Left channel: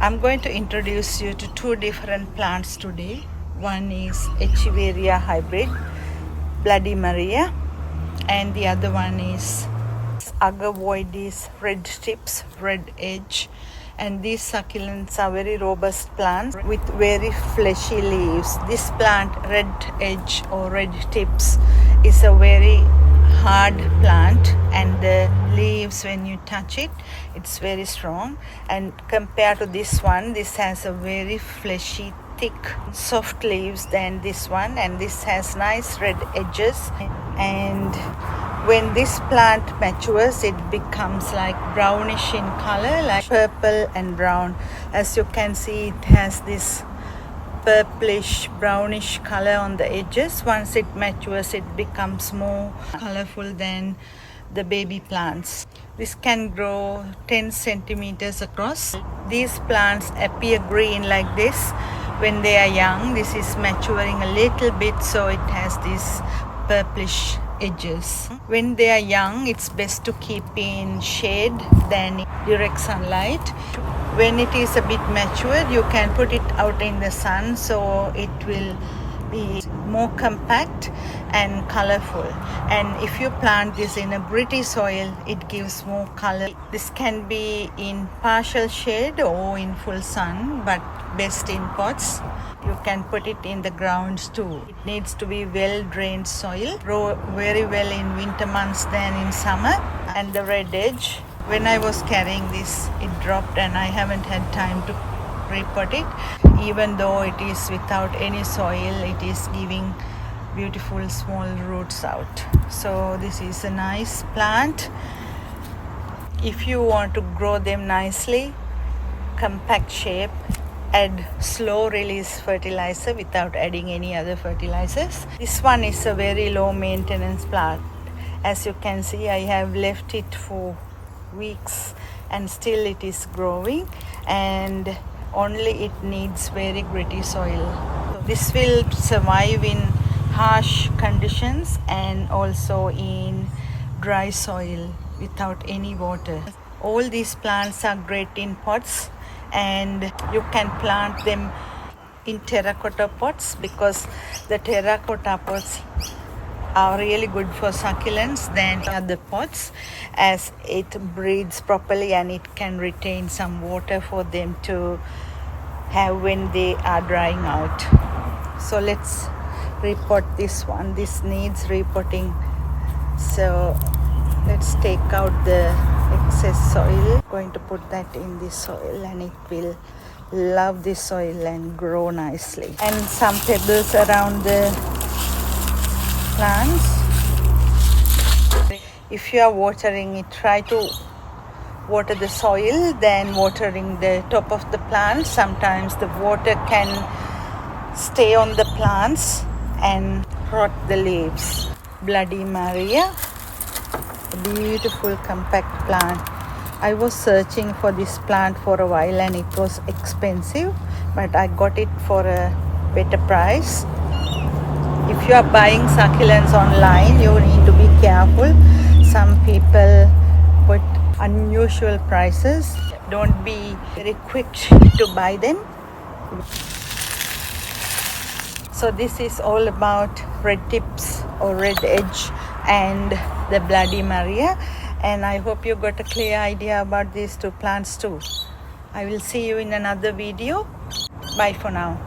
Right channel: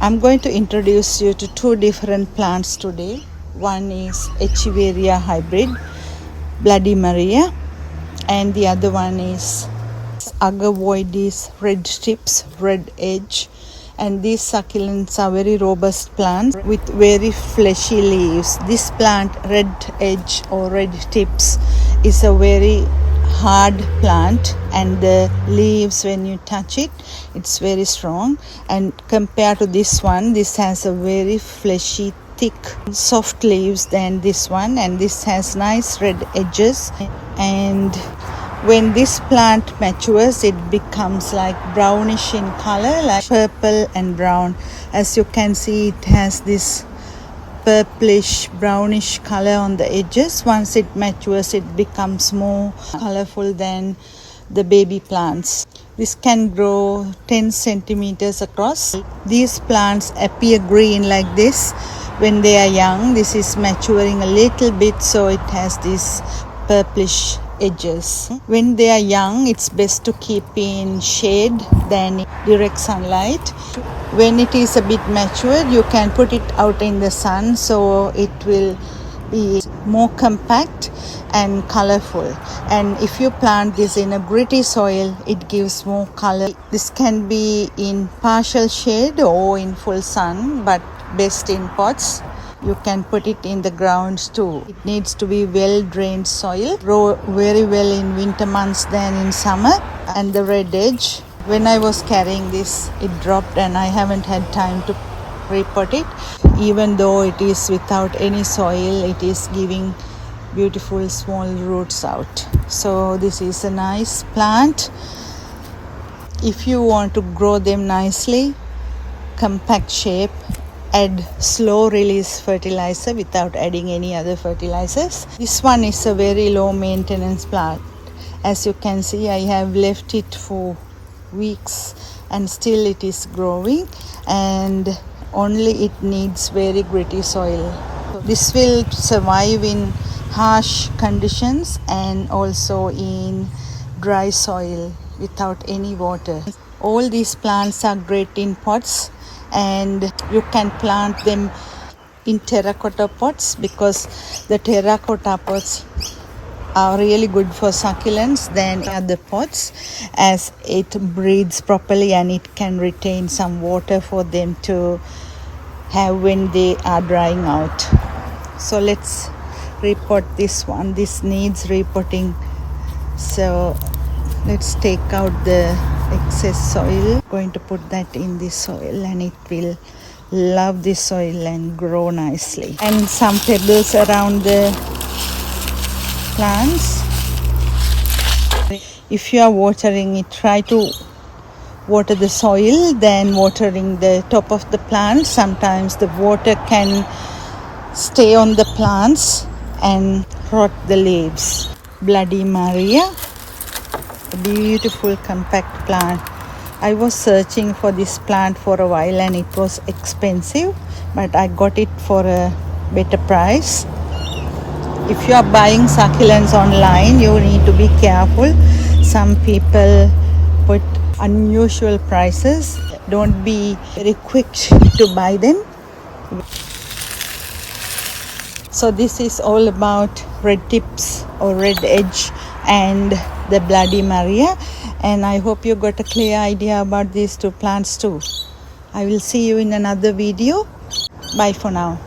I'm going to introduce you to two different plants today. One is Echiveria hybrid Bloody Maria, and the other one is Agavoides red tips, red edge. And these succulents are very robust plants with very fleshy leaves. This plant, red edge or red tips, is a very hard plant, and the leaves, when you touch it, it's very strong. And compared to this one, this has a very fleshy, thick, soft leaves than this one, and this has nice red edges. And when this plant matures, it becomes like brownish in color, like purple and brown. As you can see, it has this purplish brownish color on the edges. Once it matures, it becomes more colorful than the baby plants. This can grow 10 centimeters across. These plants appear green like this when they are young. This is maturing a little bit, so it has this purplish edges. When they are young, it's best to keep in shade than direct sunlight. When it is a bit matured, you can put it out in the sun, so it will be more compact and colorful. And if you plant this in a gritty soil, it gives more color. This can be in partial shade or in full sun, but best in pots. You can put it in the grounds too. It needs to be well drained soil. Grow very well in winter months than in summer. And the red edge, when I was carrying this, it dropped and I haven't had time to repot it. Even though it is without any soil, it is giving beautiful small roots out. So this is a nice plant. If you want to grow them nicely, compact shape, add slow release fertilizer without adding any other fertilizers. This one is a very low maintenance plant. As you can see, I have left it for weeks and still it is growing, and only it needs very gritty soil. So this will survive in harsh conditions and also in dry soil without any water. All these plants are great in pots, and you can plant them in terracotta pots because the terracotta pots are really good for succulents than other pots, as it breathes properly and it can retain some water for them to have when they are drying out. So let's repot this one. This needs repotting, so let's take out the excess soil. I'm going to put that in this soil, and it will love this soil and grow nicely. And some pebbles around the plants. If you are watering it, try to water the soil than watering the top of the plant. Sometimes the water can stay on the plants and rot the leaves. Bloody Maria, beautiful compact plant. I was searching for this plant for a while and it was expensive, but I got it for a better price. If you are buying succulents online, you need to be careful. Some people put unusual prices. Don't be very quick to buy them. So this is all about red tips or red edge and the Bloody Maria, and I hope you got a clear idea about these two plants too. I will see you in another video. Bye for now.